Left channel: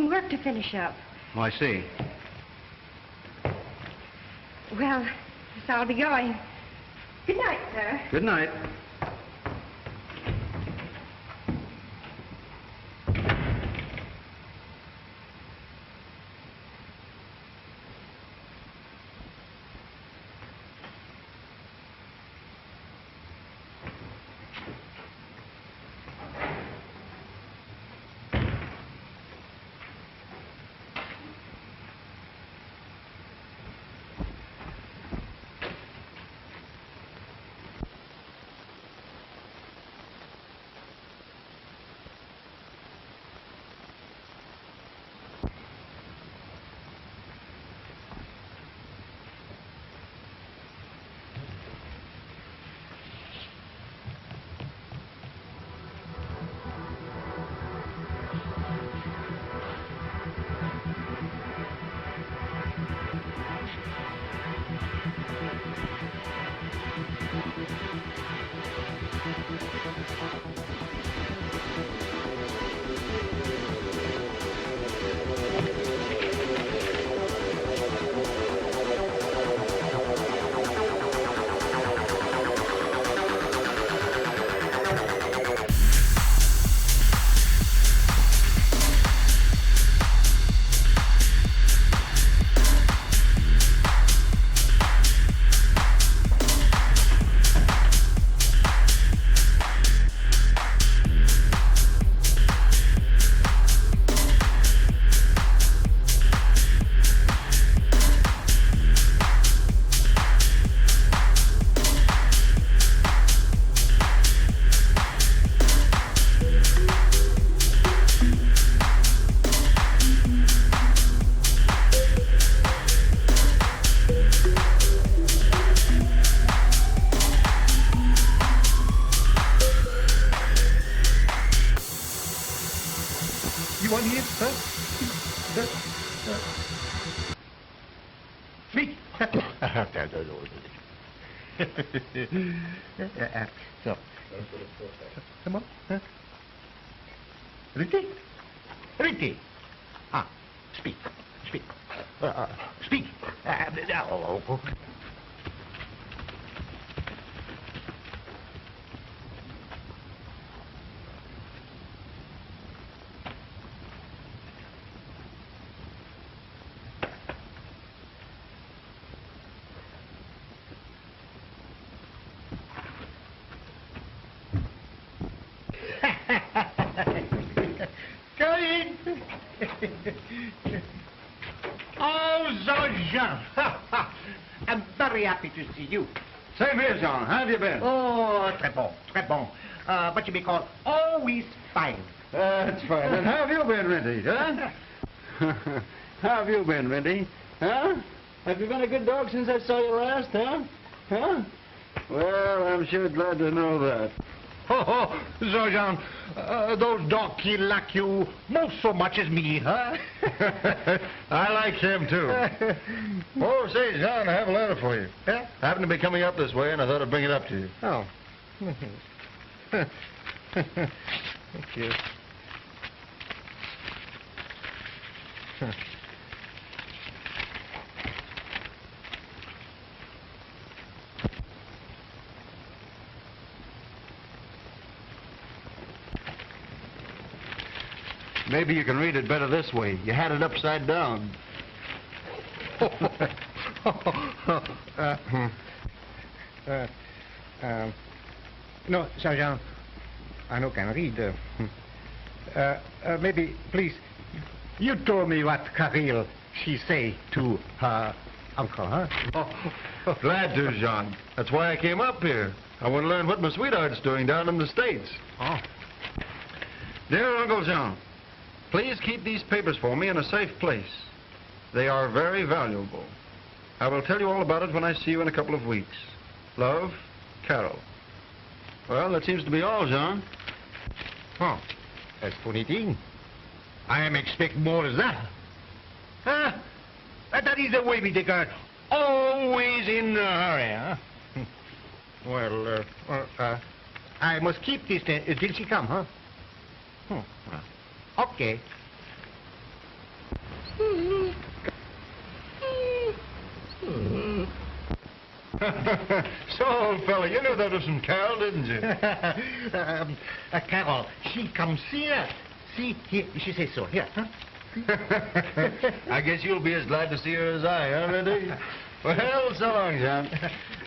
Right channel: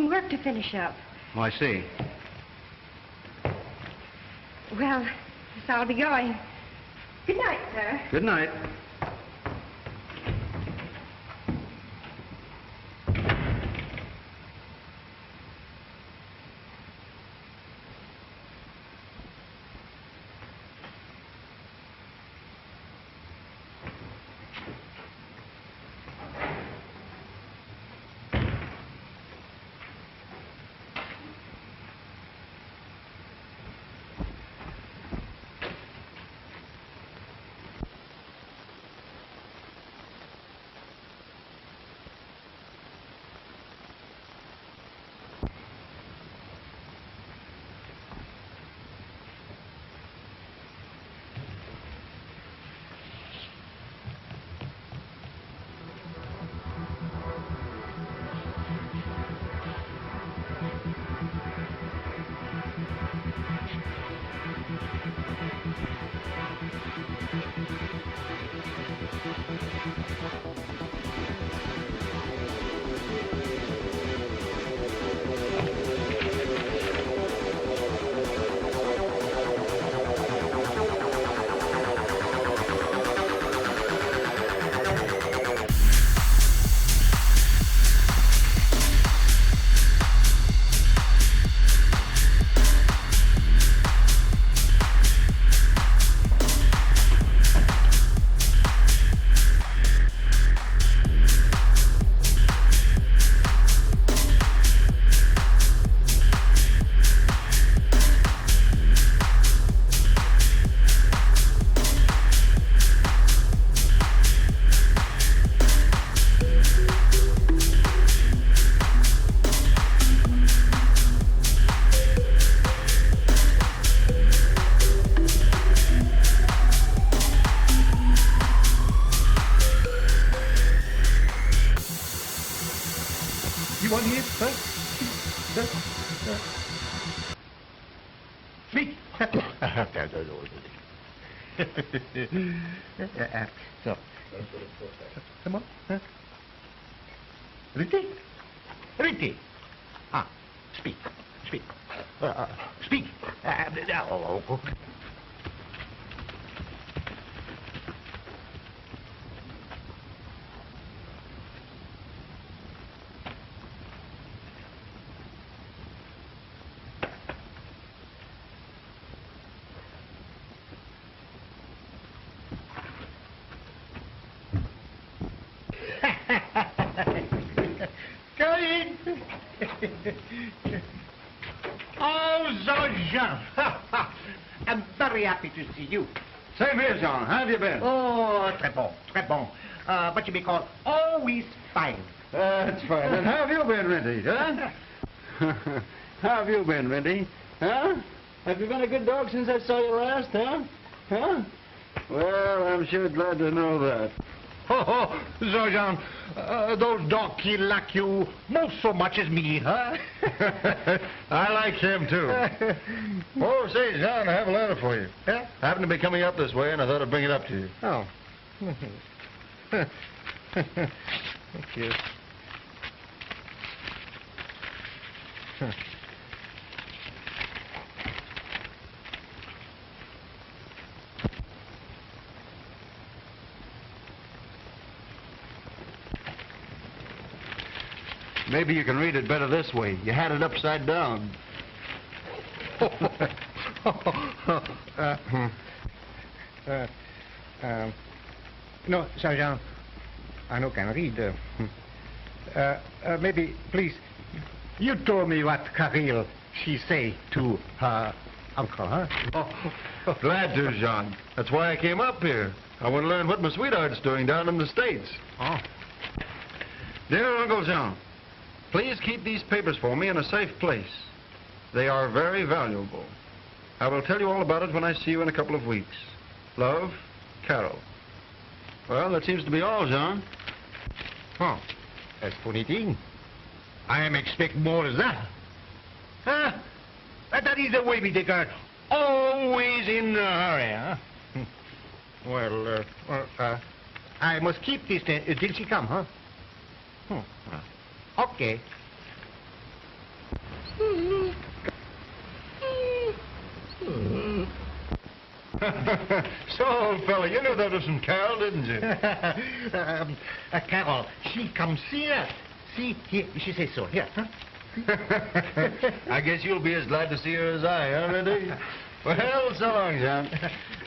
some work to finish up. Oh, I see. Well, guess I'll be going. Good night, sir. Good night. You want here, huh? Speak. So. Come on. Ricky? Ricky. Speak. Speak. Speak. I'm very happy to see you. Same here, Jean. How have you been? Oh, très bon, très bon. But you may call always fine. That's fine. And how have you been, Renty, huh? How have you been, Renty? Huh? Have you been a good dog since I saw you last, huh? Huh? Well, I'm sure glad to know that. Oh, Sergeant, those dogs, he like you most so much as me, huh? I like him, too. Oh, say, John, I have a letter for you. Yeah? Happened to be coming up this way, and I thought I'd bring it up to you. Oh. Thank you. Maybe you can read it better this way. You had it upside down. No, Sergeant, I no can read. Maybe, please, you told me what Caril she say to her uncle, huh? Glad to, John. That's why I came up here. I want to learn what my sweetheart's doing down in the States. Oh. Dear Uncle John, please keep these papers for me in a safe place. They are very valuable. I will tell you all about it when I see you in a couple of weeks. Love, Carol. Well, that seems to be all, John. Oh, that's funny thing. I am expecting more than that. Huh? That is the way we take our always in a hurry, huh? Well, I must keep this till she come, huh? Okay. So, old fellow, you know that was some Carol, didn't you? Carol, she comes here. See, here, she says so. Here, huh? I guess you'll be as glad to see her as I, huh, Randy? Well, so long, John.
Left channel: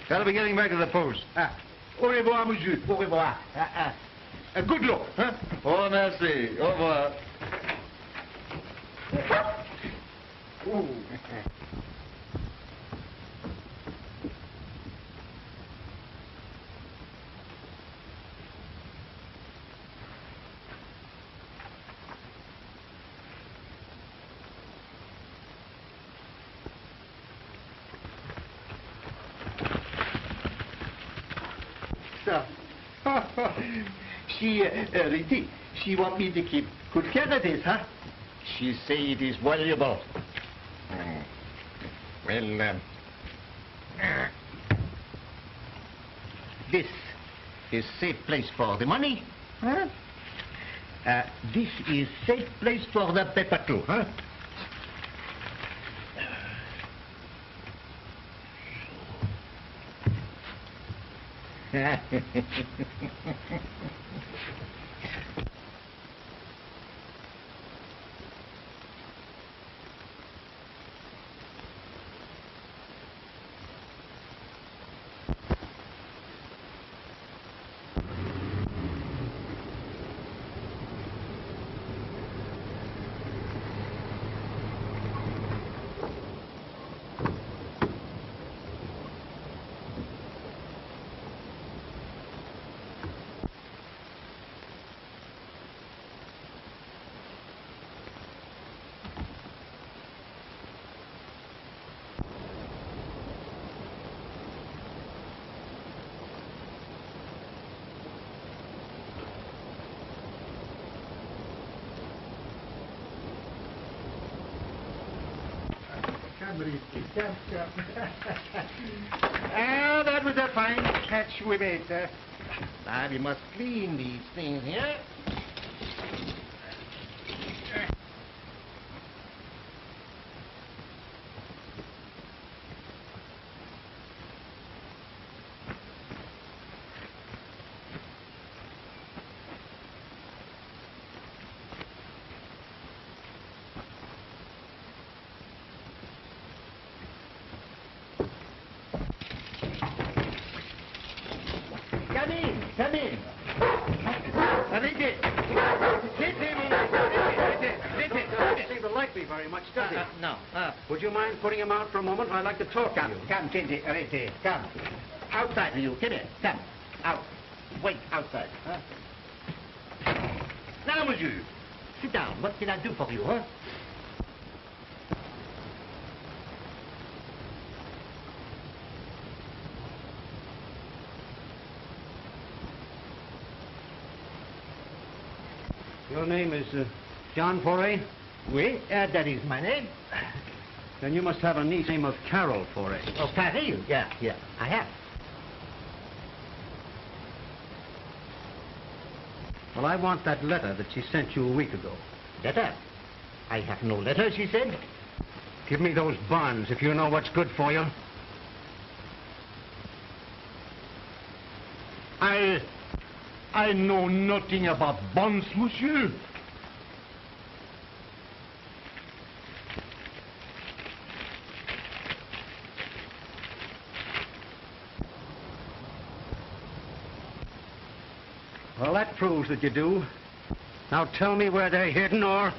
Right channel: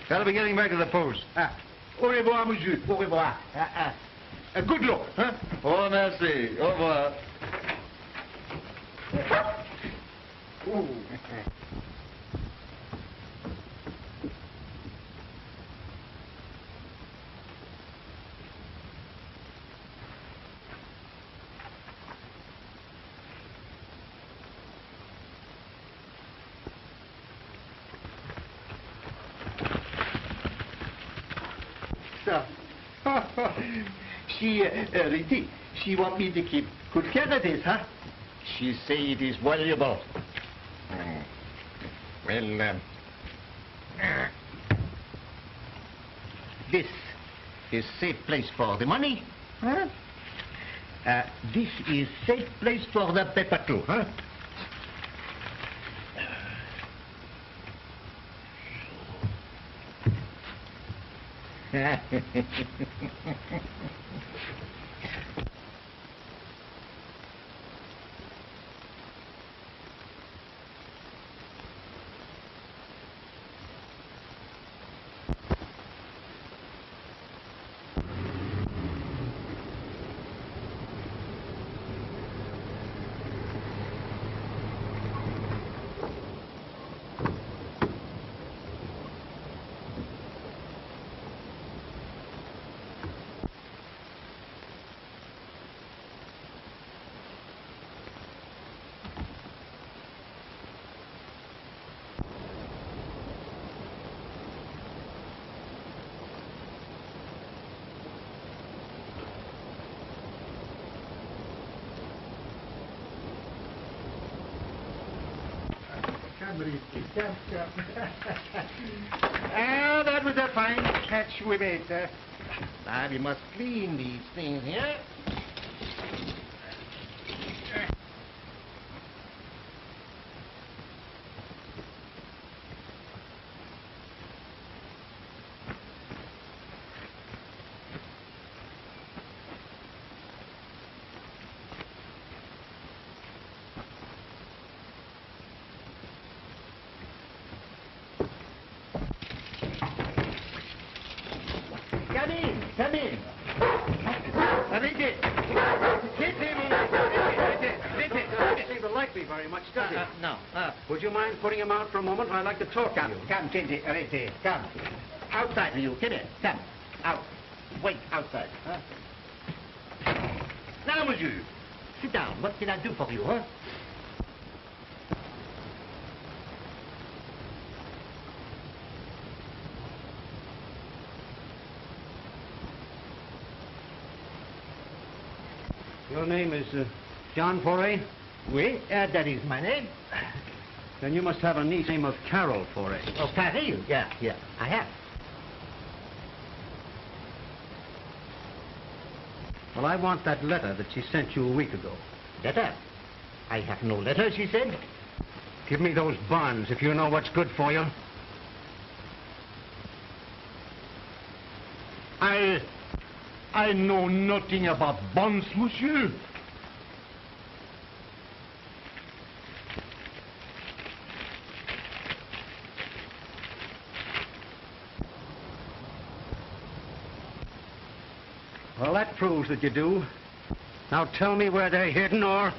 Better be getting back to the post. Au revoir, monsieur. Au revoir. Good luck, huh? Oh, merci. Au revoir. So, Riti, she want me to keep good care of this, huh? She say it is valuable. Well, this is safe place for the money, huh? This is safe place for the paper too, huh? That was a fine catch we made. Now we must clean these things here. Come in. Doesn't like me very much, does he? No. Would you mind putting him out for a moment? I'd like to talk Come, to you. come, Riti, come. Outside with you, come here. Come. Out. Wait, outside. Huh? Now, monsieur, sit down. What can I do for you, huh? Your name is John Foray? Oui, that is my name. Then you must have a niece named of Carol Foray. Oh, Caril? Yeah, I have. Well, I want that letter that she sent you a week ago. Letter? I have no letter, she said. Give me those bonds if you know what's good for you. I know nothing about bonds, monsieur. Well, that proves that you do. Now tell me where they're hidden, or...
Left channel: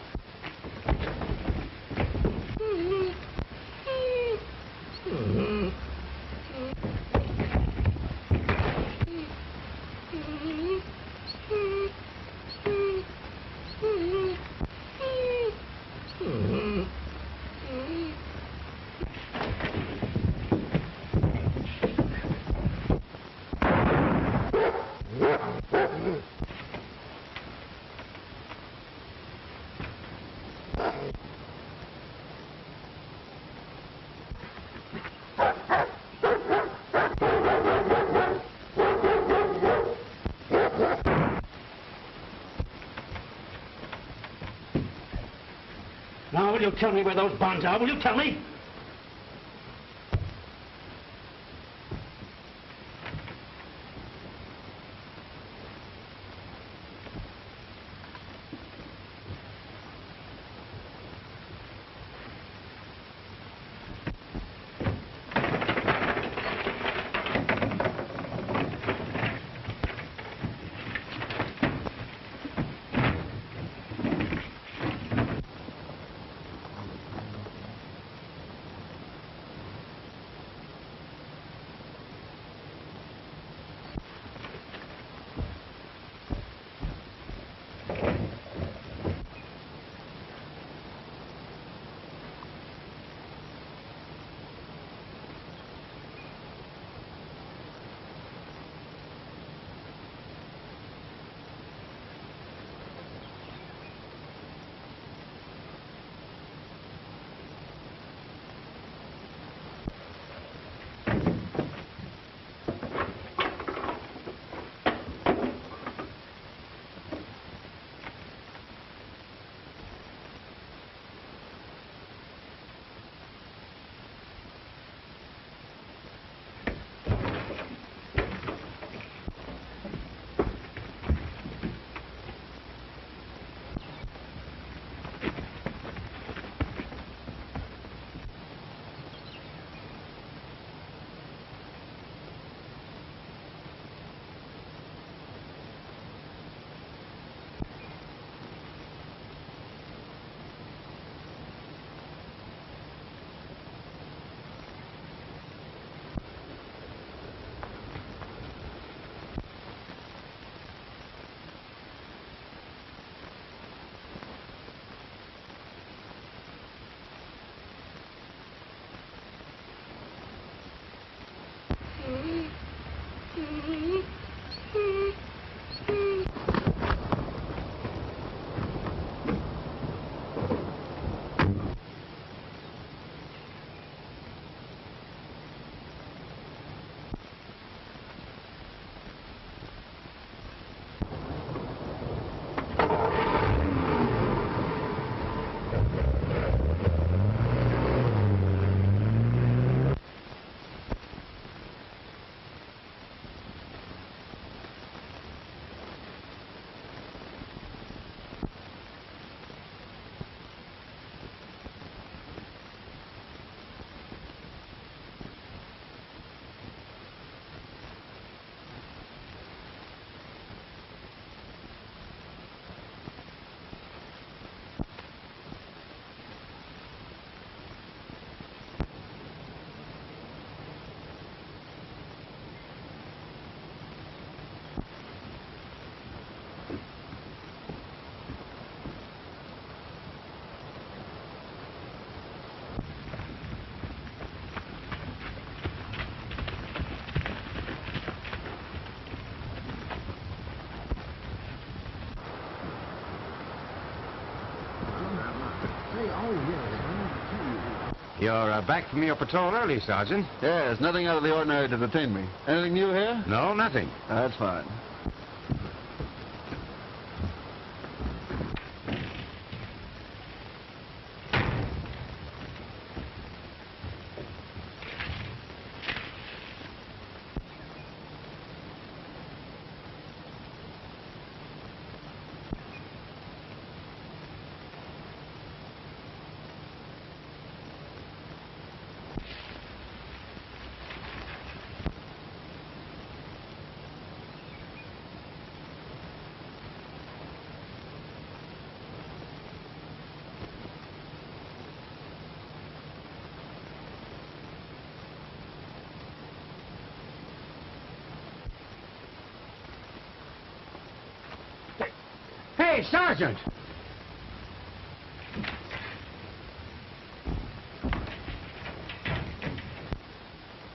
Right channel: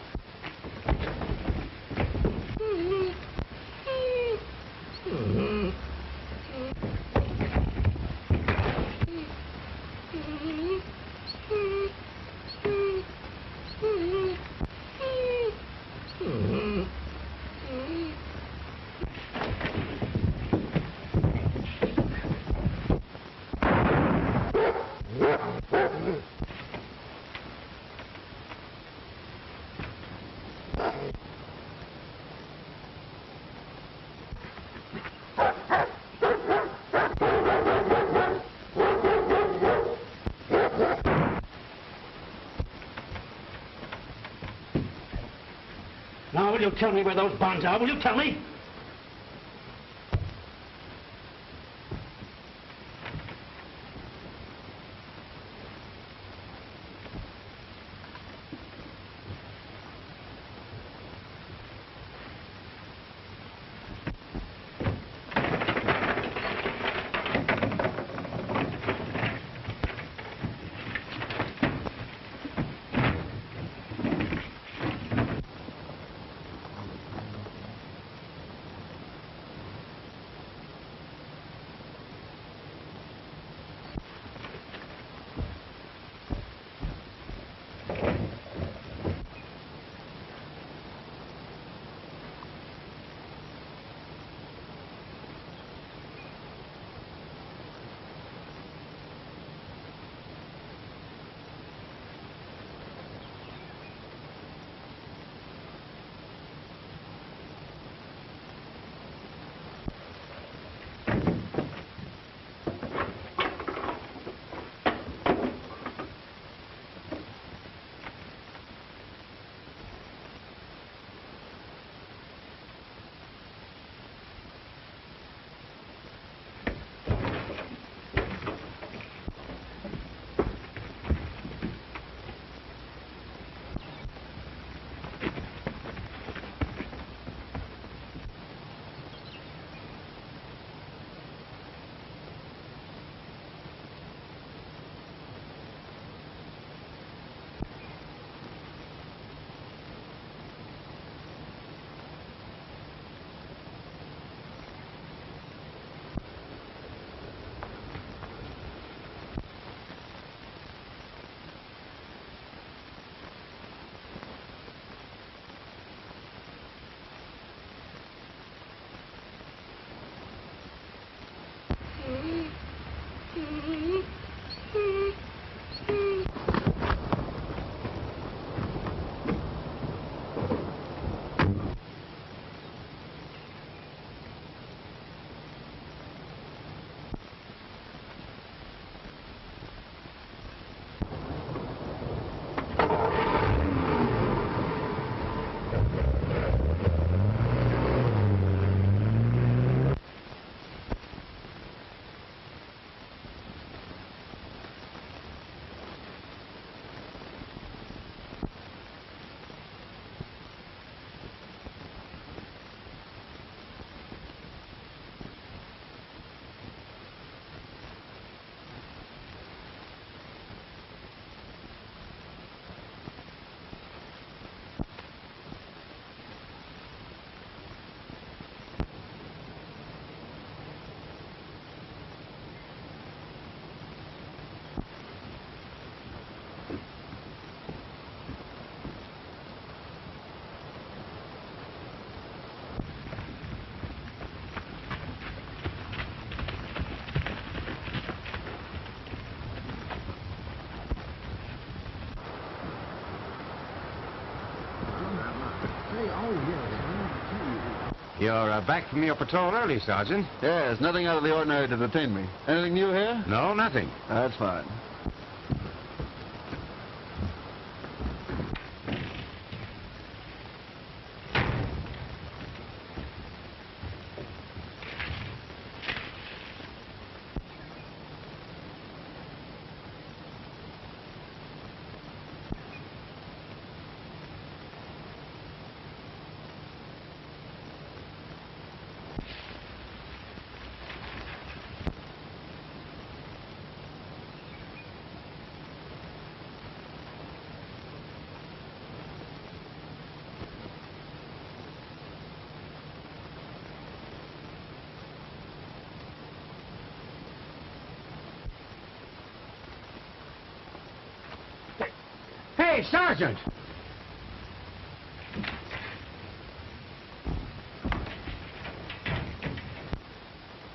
Now, will you tell me where those bonds are? Will you tell me? You're back from your patrol early, Sergeant. Yes, nothing out of the ordinary to detain me. Anything new here? No, nothing. That's fine. Hey, Sergeant!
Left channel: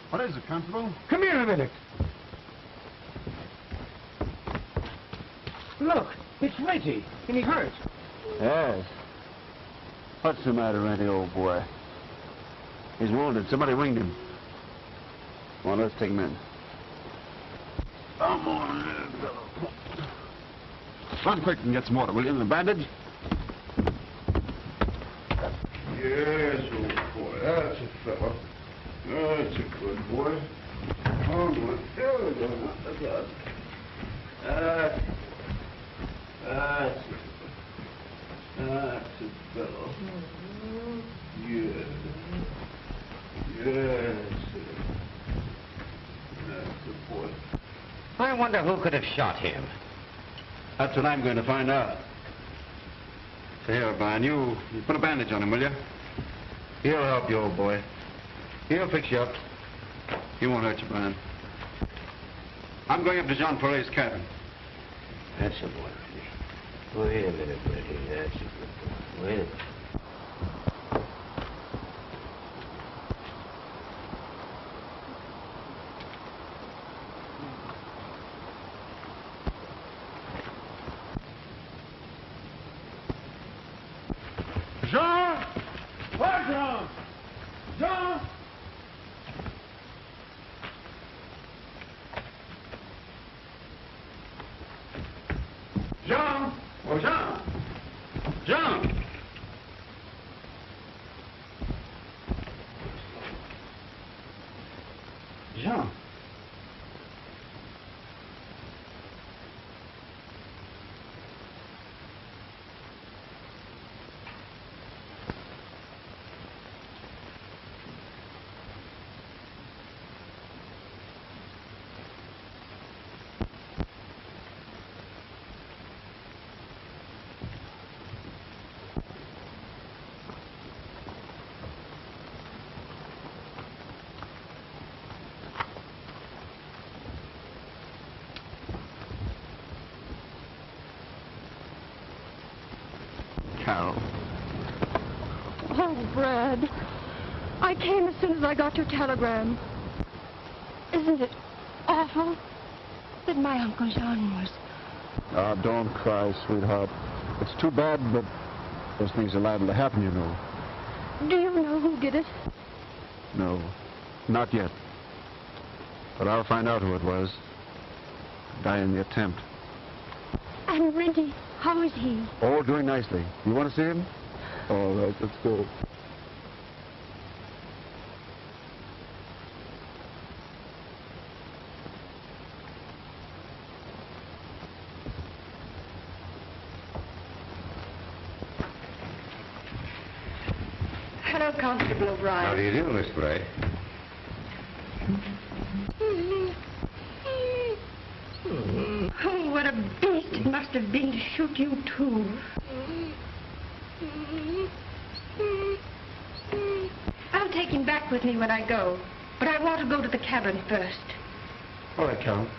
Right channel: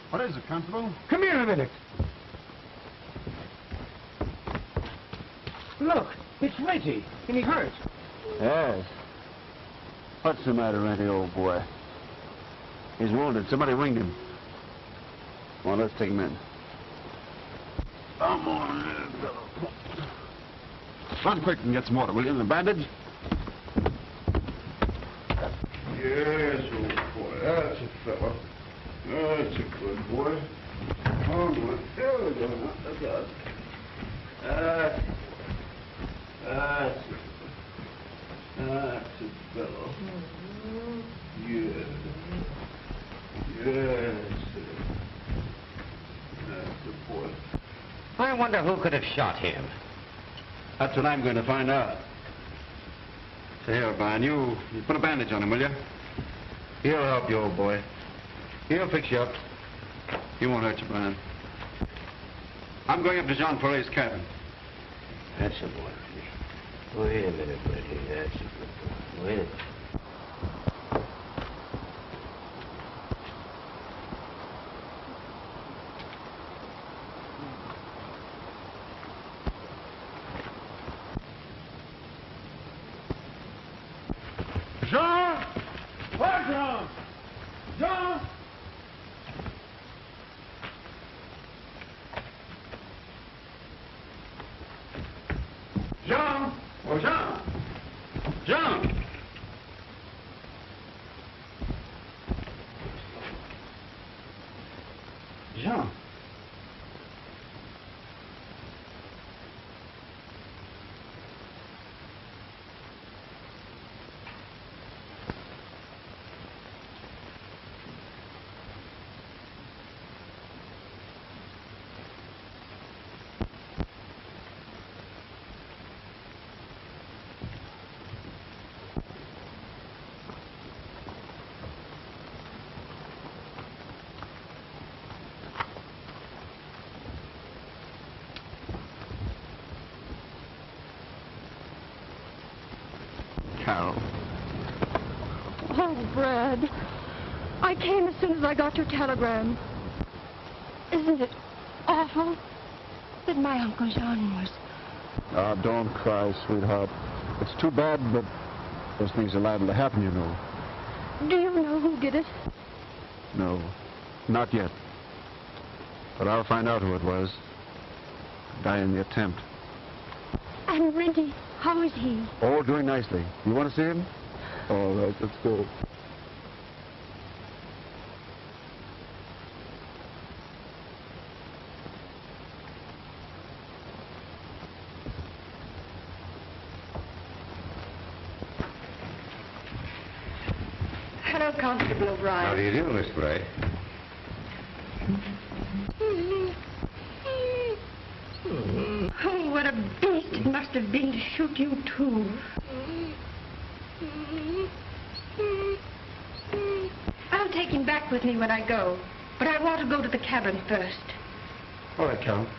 What is it, Constable? Come here a minute. Look, it's Reggie. And he hurt. Yes. What's the matter, Randy, old boy? He's wounded. Somebody ring him. Well, let's take him in. Come on, Run quick and get some water, will you? The bandage? Yes, old boy. That's a fellow. That's a good boy. Oh, my. That's it. That's a fellow. Yeah. That's the boy. I wonder who could have shot him. That's what I'm going to find out. Here, Brian, you put a bandage on him, will you? He'll help you, old boy. He'll fix you up. He won't hurt you, Brian. I'm going up to Jean Foret's cabin. That's a boy. Wait a minute, Reggie. That's a good boy. Wait a minute. Jean! Where, Jean? Jean! Jean! Oh, Jean! Jean! Jean! Carol. Oh, Brad. I came as soon as I got your telegram. Isn't it awful that my Uncle John was... Oh, don't cry, sweetheart. It's too bad, but those things are liable to happen, you know. Do you know who did it? No, not yet. But I'll find out who it was. Die in the attempt. And Renty, how is he? Oh, doing nicely. You want to see him? All right, let's go. Hello, Constable O'Brien. How do you do, Miss Gray? Oh, what a beast it must have been to shoot you, too. I'll take him back with me when I go, but I want to go to the cabin first. All right, Count.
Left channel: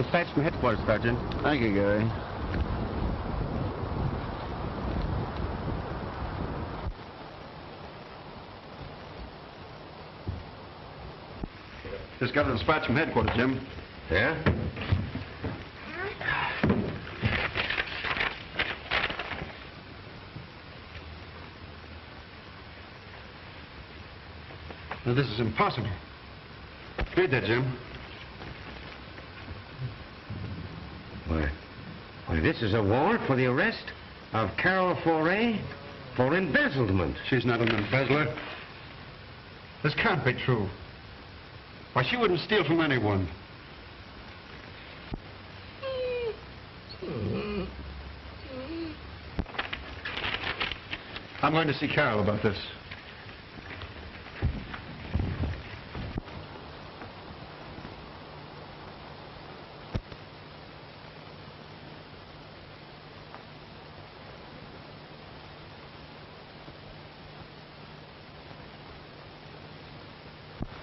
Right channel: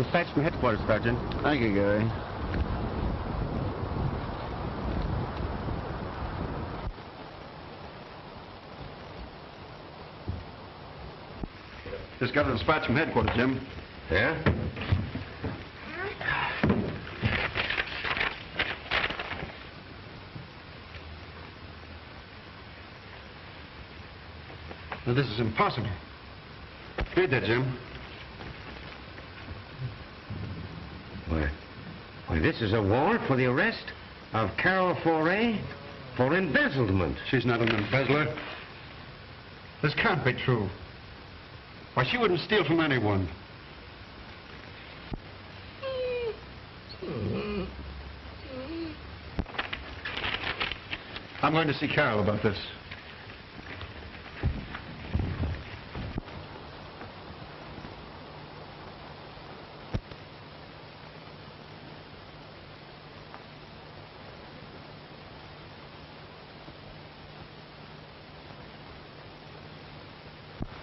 Dispatch to headquarters, Sergeant. Thank you, Gary. Just got a dispatch from headquarters, Jim. Yeah? Now, this is impossible. Read that, Jim. Why, this is a warrant for the arrest of Carol Foray for embezzlement. She's not an embezzler. This can't be true. Why, she wouldn't steal from anyone. I'm going to see Carol about this.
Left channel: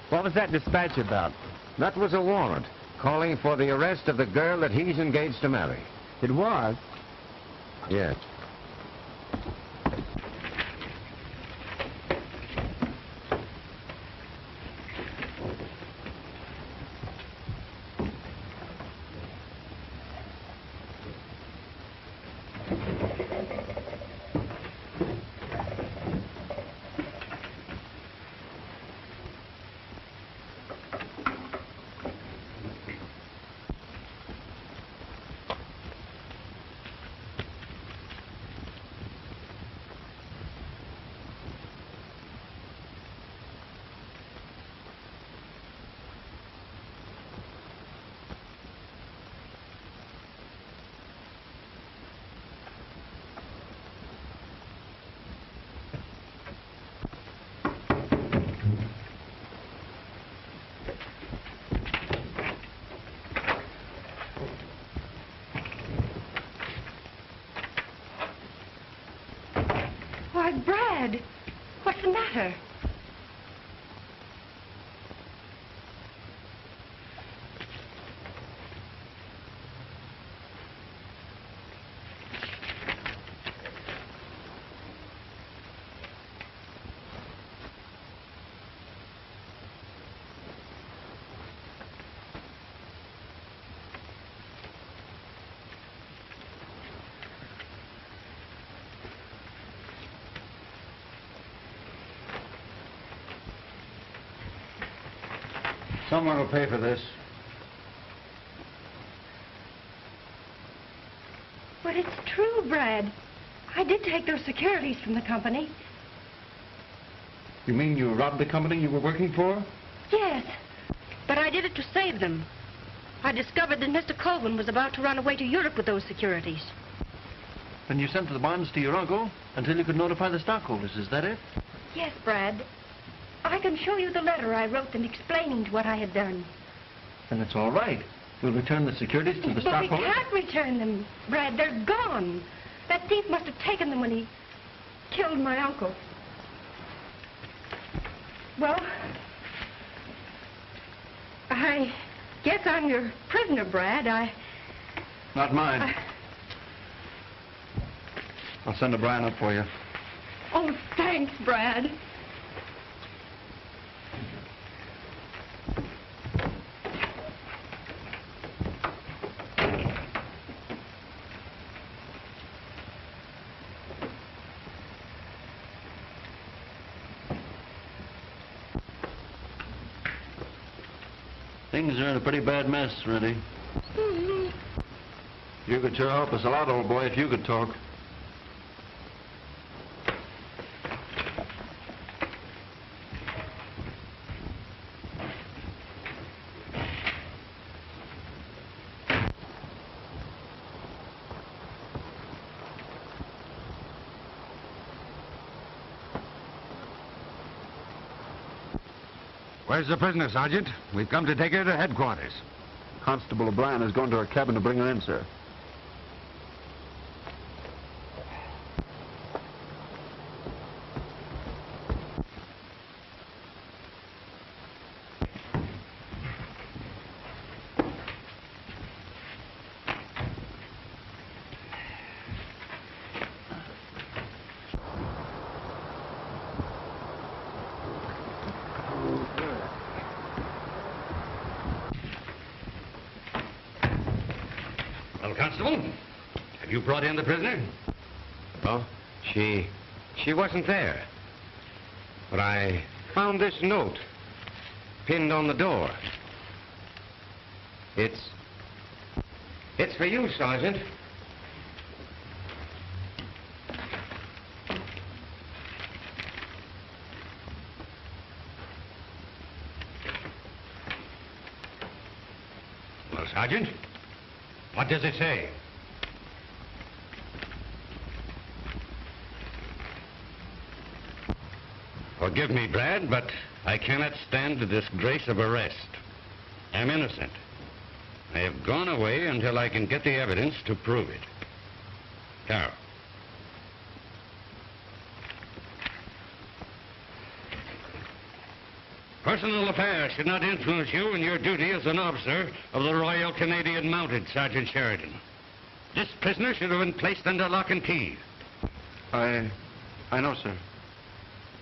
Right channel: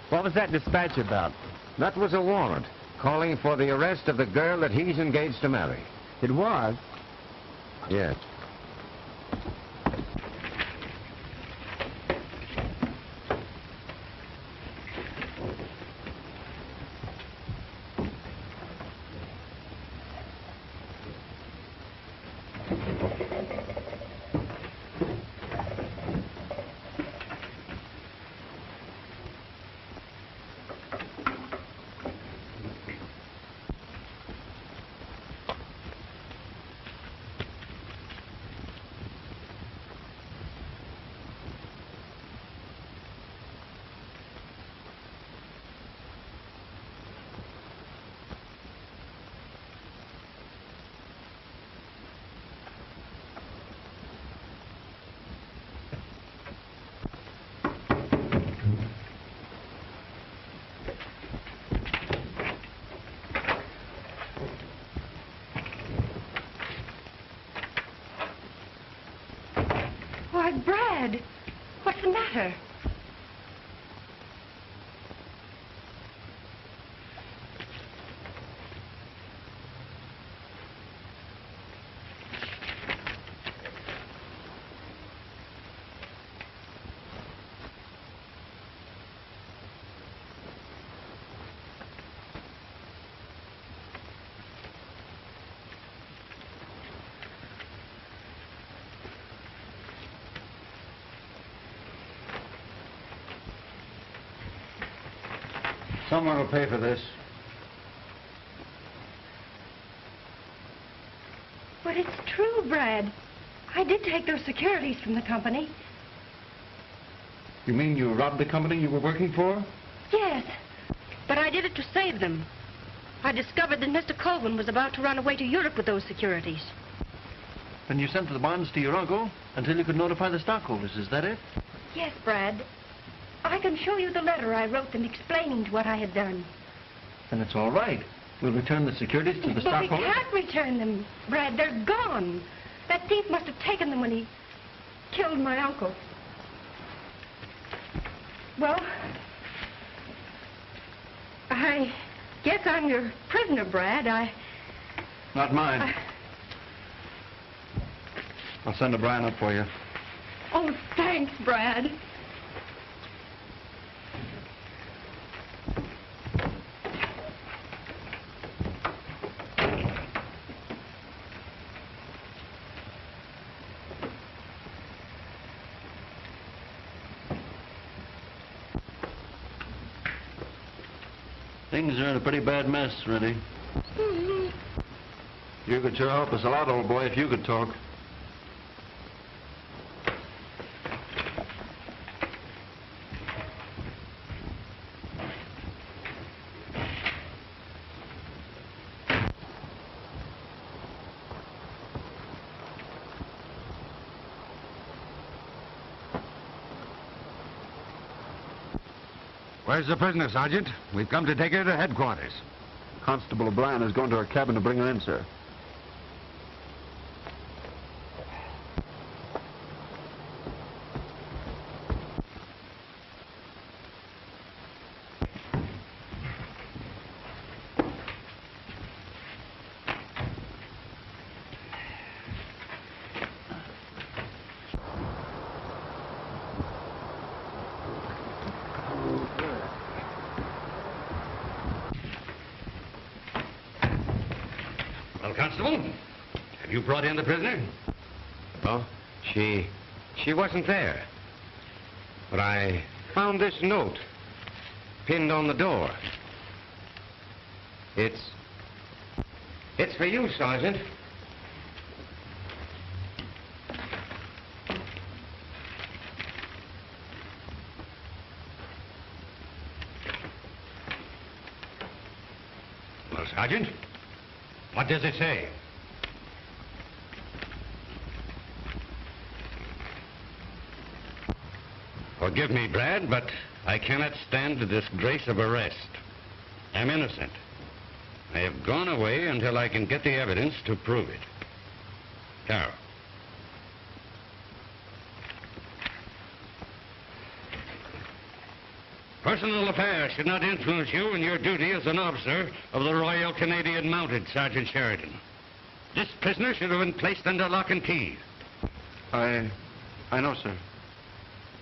What was that dispatch about? That was a warrant calling for the arrest of the girl that he's engaged to marry. It was? Yes. Why, Brad, what's the matter? Someone will pay for this. But it's true, Brad. I did take those securities from the company. You mean you robbed the company you were working for? Yes, but I did it to save them. I discovered that Mr. Colvin was about to run away to Europe with those securities. And you sent the bonds to your uncle until you could notify the stockholders, is that it? Yes, Brad. I can show you the letter I wrote them explaining what I had done. Then it's all right. We'll return the securities to the But we stockholders. can't return them, Brad. They're gone. That thief must have taken them when he killed my uncle. Well, I guess I'm your prisoner, Brad. Not mine. I'll send O'Brien up for you. Oh, thanks, Brad. Things are in a pretty bad mess, Rennie. You could sure help us a lot, old boy, if you could talk. Where's the prisoner, Sergeant? We've come to take her to headquarters. Constable O'Brien has gone to her cabin to bring her in, sir. brought in the prisoner? Oh, she wasn't there. But I found this note pinned on the door. It's for you, Sergeant. Well, Sergeant, what does it say? Forgive me, Brad, but I cannot stand the disgrace of arrest. I'm innocent. I have gone away until I can get the evidence to prove it. Now. Personal affairs should not influence you in your duty as an officer of the Royal Canadian Mounted, Sergeant Sheridan. This prisoner should have been placed under lock and key. I know, sir.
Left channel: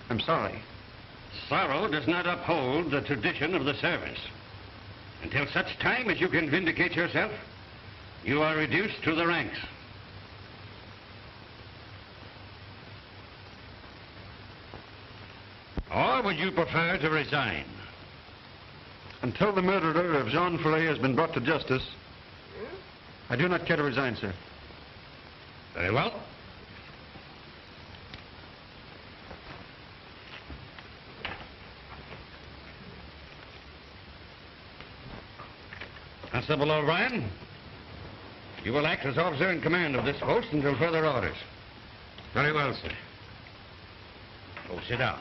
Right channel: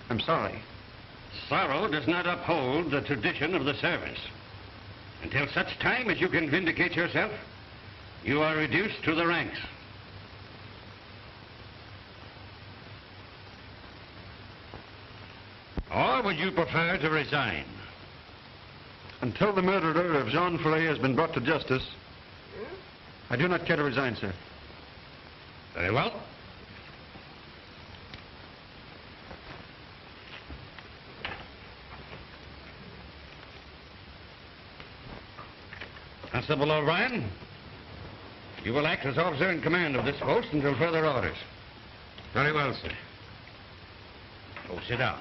I'm sorry. Sorrow does not uphold the tradition of the service. Until such time as you can vindicate yourself, you are reduced to the ranks. Or would you prefer to resign? Until the murderer of Jean Ferret has been brought to justice, I do not care to resign, sir. Very well. Constable O'Brien, you will act as officer in command of this post until further orders. Very well, sir. Oh, sit down.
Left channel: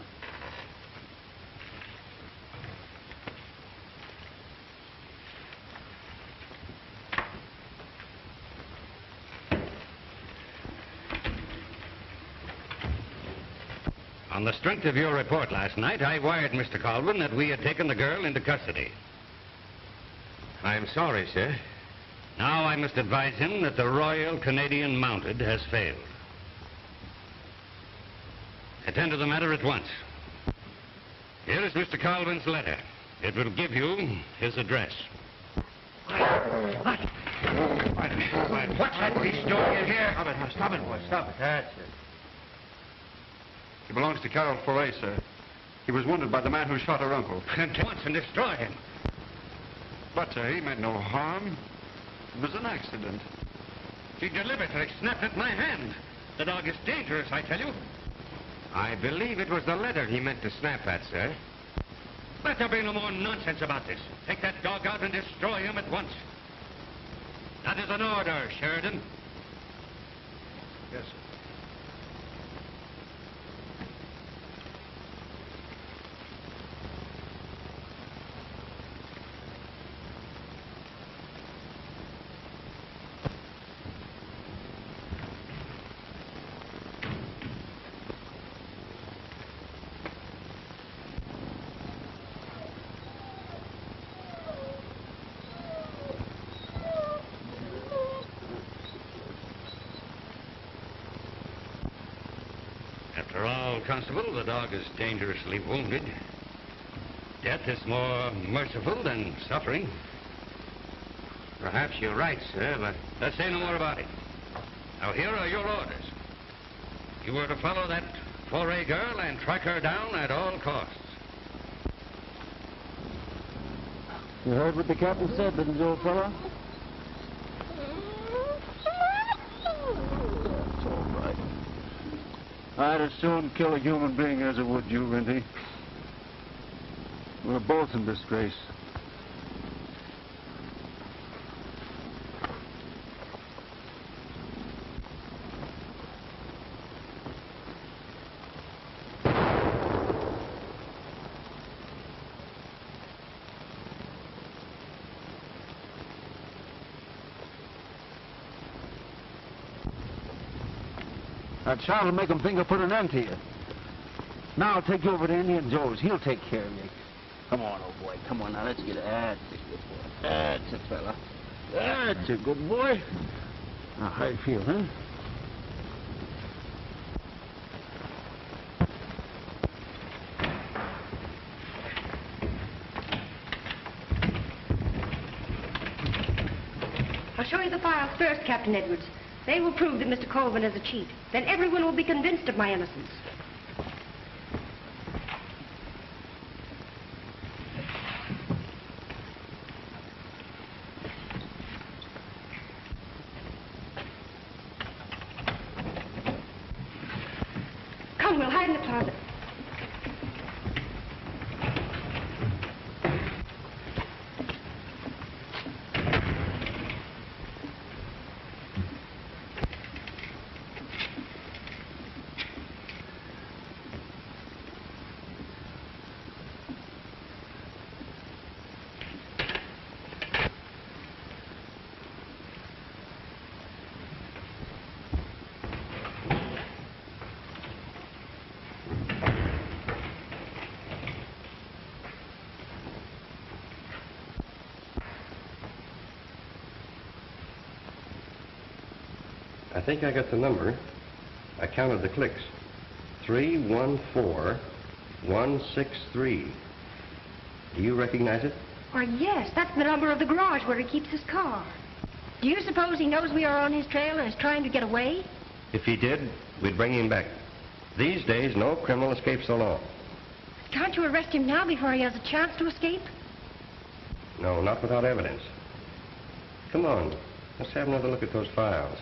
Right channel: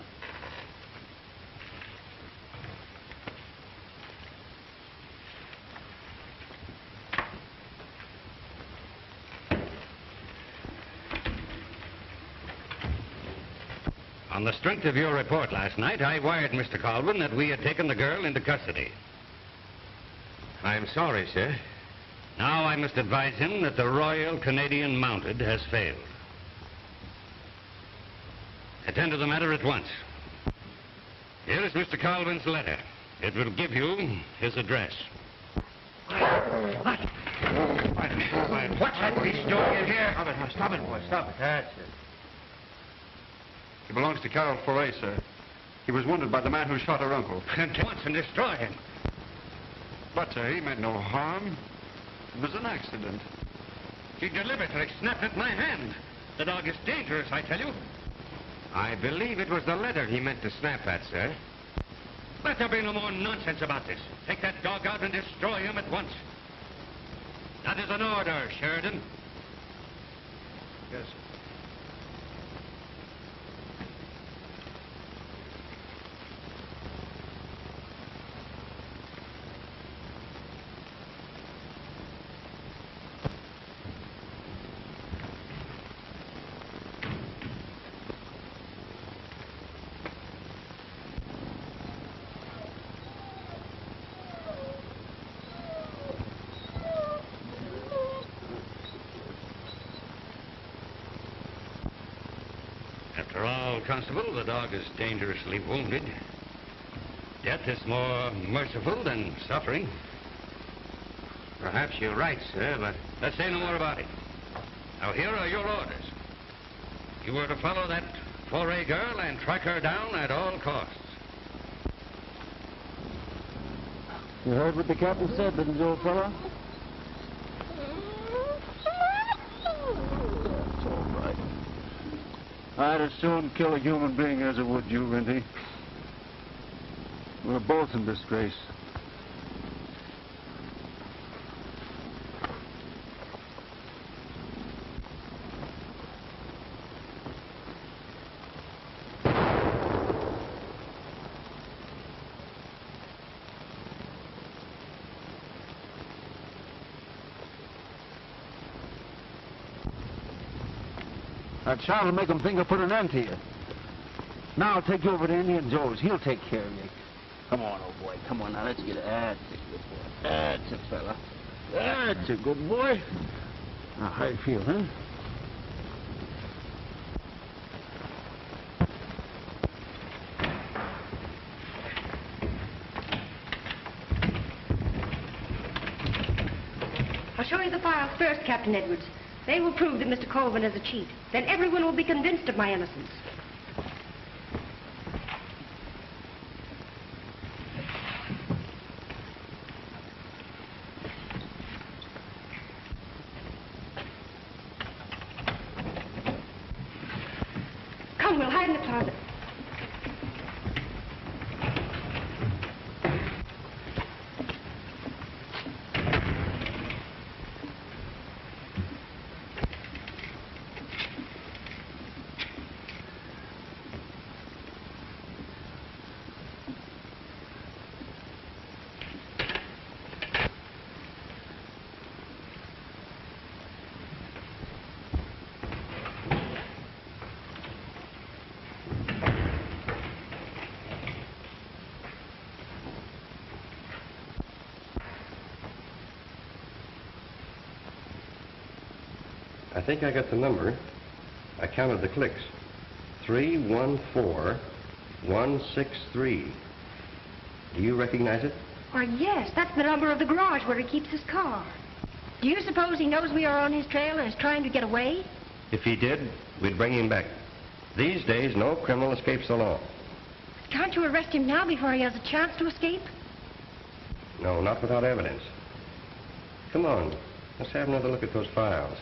On the strength of your report last night, I wired Mr. Colvin that we had taken the girl into custody. I'm sorry, sir. Now I must advise him that the Royal Canadian Mounted has failed. Attend to the matter at once. Here is Mr. Colvin's letter. It will give you his address. What? What's that beast doing here? Stop it, boy. Stop it. That's it. It belongs to Carol Ferret, sir. He was wounded by the man who shot her uncle. At once and destroy him. But, sir, he meant no harm. It was an accident. He deliberately snapped at my hand. The dog is dangerous, I tell you. I believe it was the letter he meant to snap at, sir. Let there be no more nonsense about this. Take that dog out and destroy him at once. That is an order, Sheridan. Yes, sir. After all, Constable, the dog is dangerously wounded. Death is more merciful than suffering. Perhaps you're right, sir, but... Let's say no more about it. Now, here are your orders. You were to follow that Foray girl and track her down at all costs. You heard what the captain said, didn't you, old fellow? That's all right. I'd as soon kill a human being as I would you, Rinty. We're both in disgrace. That child will make him think of putting an end to you. Now I'll take you over to Indian Joe's. He'll take care of you. Come on, old boy. Come on, now, let's get it. That's a fella. That's a good boy. Now, how you feel, huh? I'll show you the path first, Captain Edwards. They will prove that Mr. Colvin is a cheat. Then everyone will be convinced of my innocence. Come, we'll hide in the closet. I think I got the number. I counted the clicks. 314163. Do you recognize it? Why, yes, that's the number of the garage where he keeps his car. Do you suppose he knows we are on his trail and is trying to get away? If he did, we'd bring him back. These days, no criminal escapes the law. Can't you arrest him now before he has a chance to escape? No, not without evidence. Come on, let's have another look at those files.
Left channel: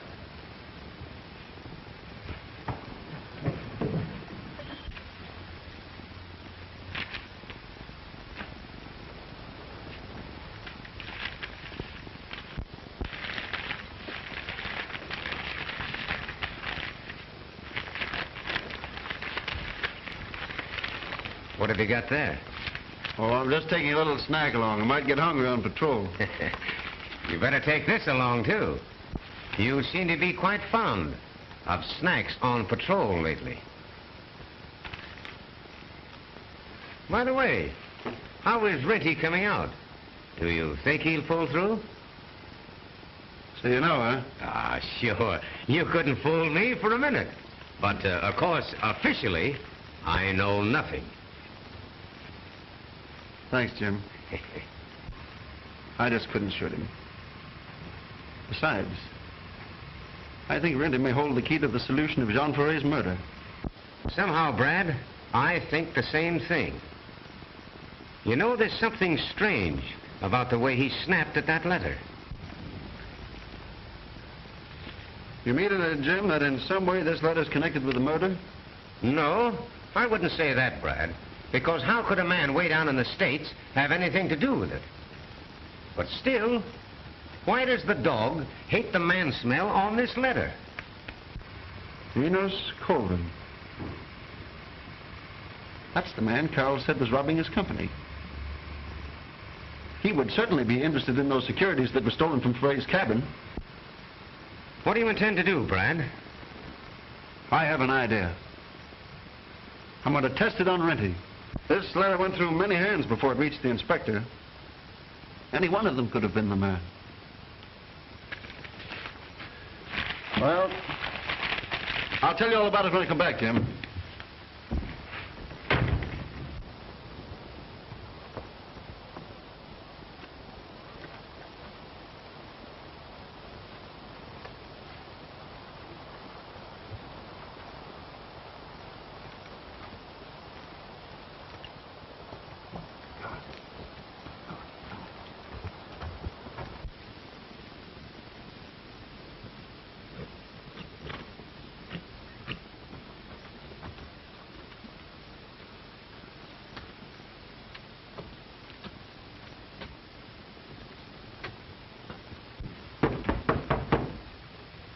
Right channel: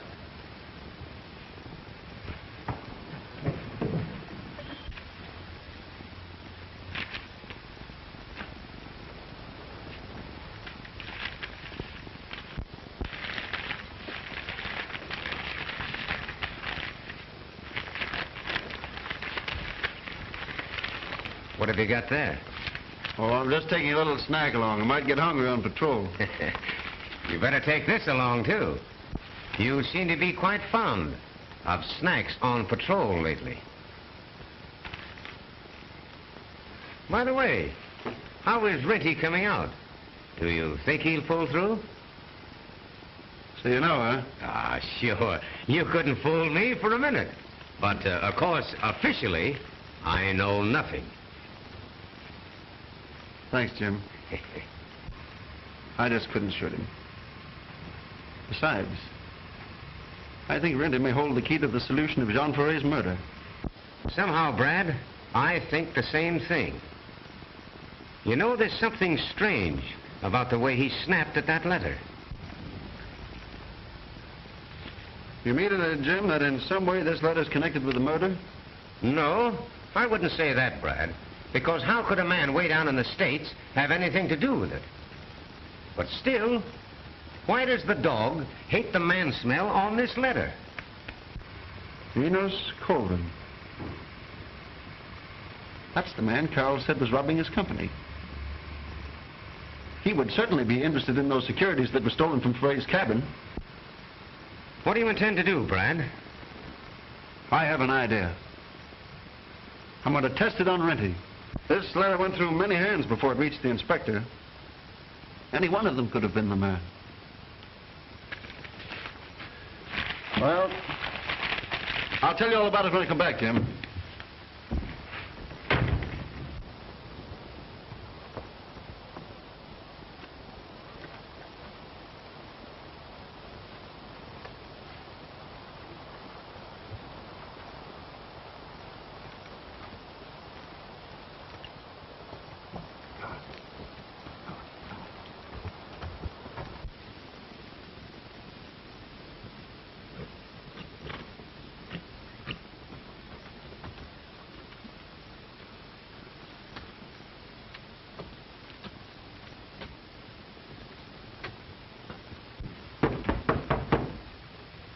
What have you got there? Oh, I'm just taking a little snack along. I might get hungry on patrol. You better take this along, too. You seem to be quite fond of snacks on patrol lately. By the way, how is Renty coming out? Do you think he'll pull through? So you know, huh? Ah, sure. You couldn't fool me for a minute. But, of course, officially, I know nothing. Thanks, Jim. I just couldn't shoot him. Besides, I think Renty may hold the key to the solution of Jean Fourier's murder. Somehow, Brad, I think the same thing. You know, there's something strange about the way he snapped at that letter. You mean, Jim, that in some way this letter's connected with the murder? No, I wouldn't say that, Brad. Because how could a man way down in the States have anything to do with it? But still, why does the dog hate the man smell on this letter? Enos Colvin. That's the man Carl said was robbing his company. He would certainly be interested in those securities that were stolen from Frey's cabin. What do you intend to do, Brad? I have an idea. I'm going to test it on Renty. This letter went through many hands before it reached the inspector. Any one of them could have been the man. Well, I'll tell you all about it when I come back, Jim.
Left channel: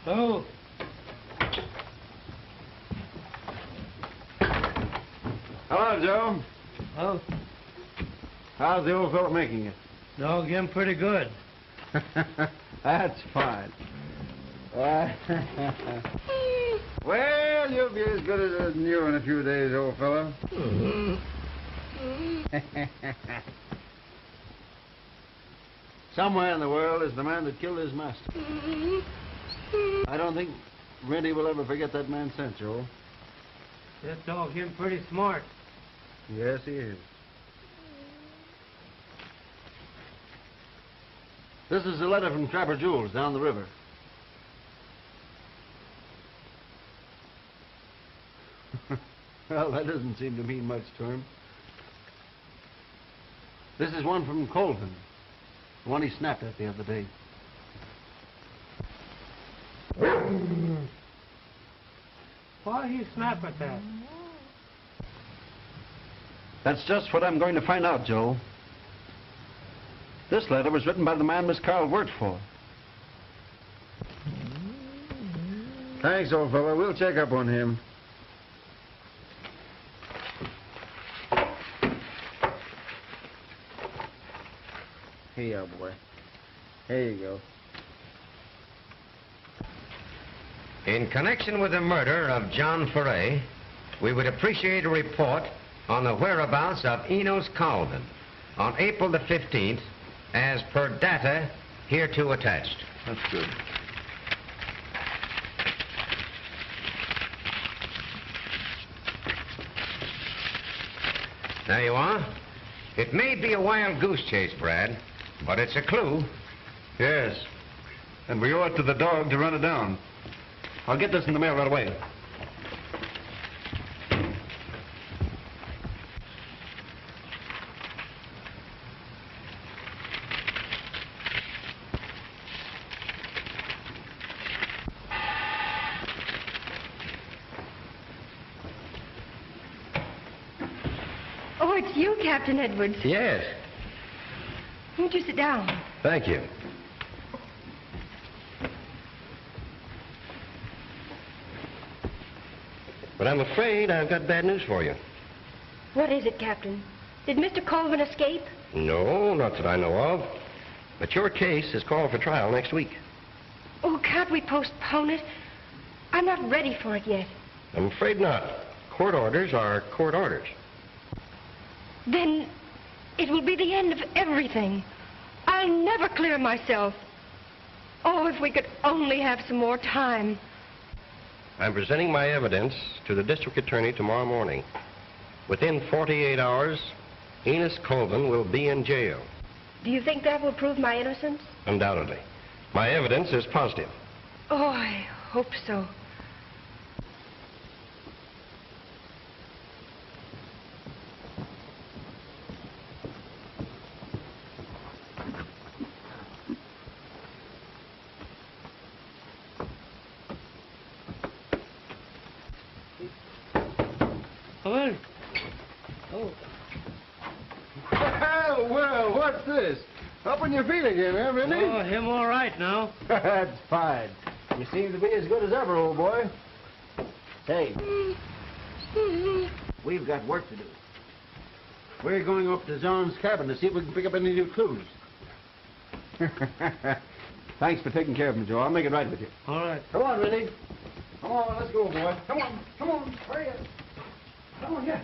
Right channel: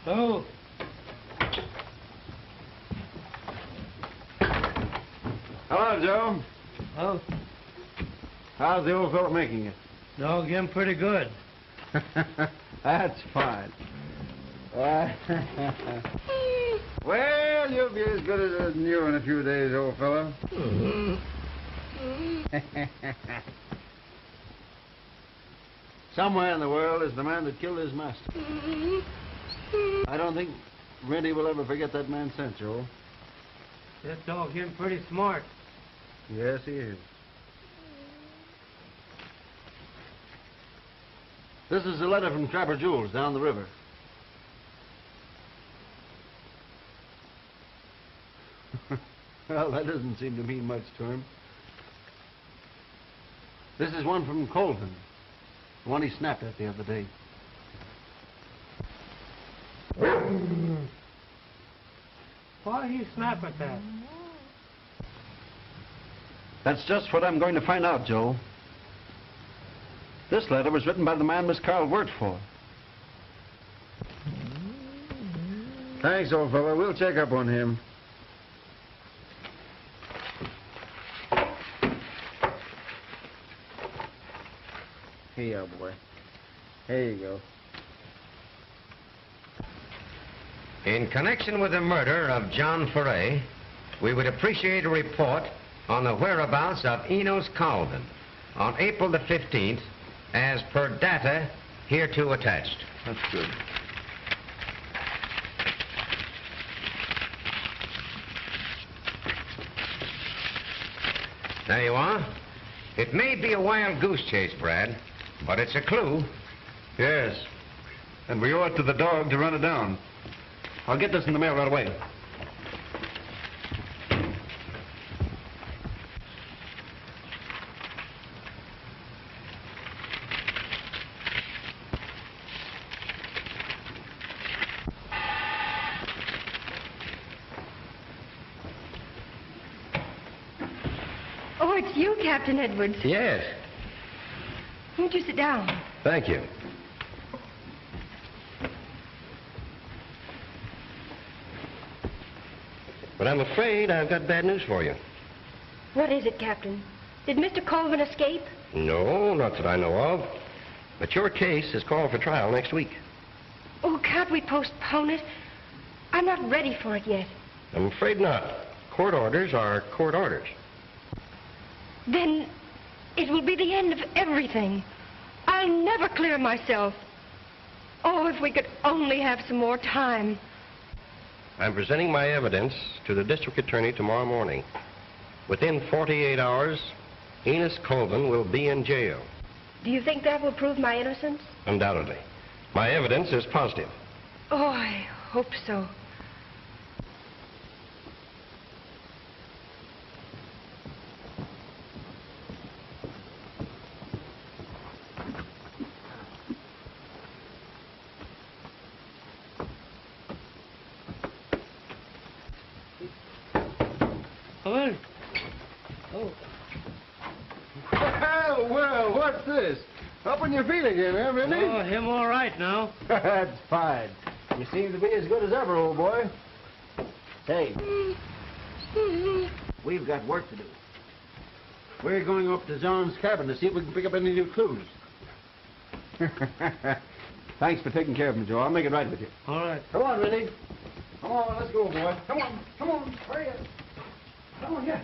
Oh. Hello, Joe. Oh, How's the old fellow making it? no, again, pretty good. That's fine. Well, you'll be as good as new in a few days, old fellow. Somewhere in the world is the man that killed his master. I don't think Renty will ever forget that man's scent, Joe. That dog him pretty smart. Yes, he is. This is a letter from Trapper Jules down the river. Well, that doesn't seem to mean much to him. This is one from Colvin. The one he snapped at the other day. Why did he snap at that? That's just what I'm going to find out, Joe. This letter was written by the man Miss Carl worked for. Thanks, old fella. We'll check up on him. Here you go, boy. There you go. In connection with the murder of John Foray, we would appreciate a report on the whereabouts of Enos Colvin on April the 15th, as per data hereto attached. That's good. There you are. It may be a wild goose chase, Brad, but it's a clue. Yes. And we owe it to the dog to run it down. I'll get this in the mail right away. Oh, it's you, Captain Edwards. Yes. Won't you sit down? Thank you. But I'm afraid I've got bad news for you. What is it, Captain? Did Mr. Colvin escape? No, not that I know of. But your case is called for trial next week. Oh, can't we postpone it? I'm not ready for it yet. I'm afraid not. Court orders are court orders. Then it will be the end of everything. I'll never clear myself. Oh, if we could only have some more time. I'm presenting my evidence to the district attorney tomorrow morning. Within 48 hours, Enos Colvin will be in jail. Do you think that will prove my innocence? Undoubtedly. My evidence is positive. Oh, I hope so. Well, what's this? Up on your feet again, huh, Vinny? Oh, him all right now. That's fine. You seem to be as good as ever, old boy. Hey, we've got work to do. We're going up to Zon's cabin to see if we can pick up any new clues. Thanks for taking care of me, Joe. I'll make it right with you. All right. Come on, Vinny. Come on, let's go, boy. Come on, hurry up. Come on, yeah.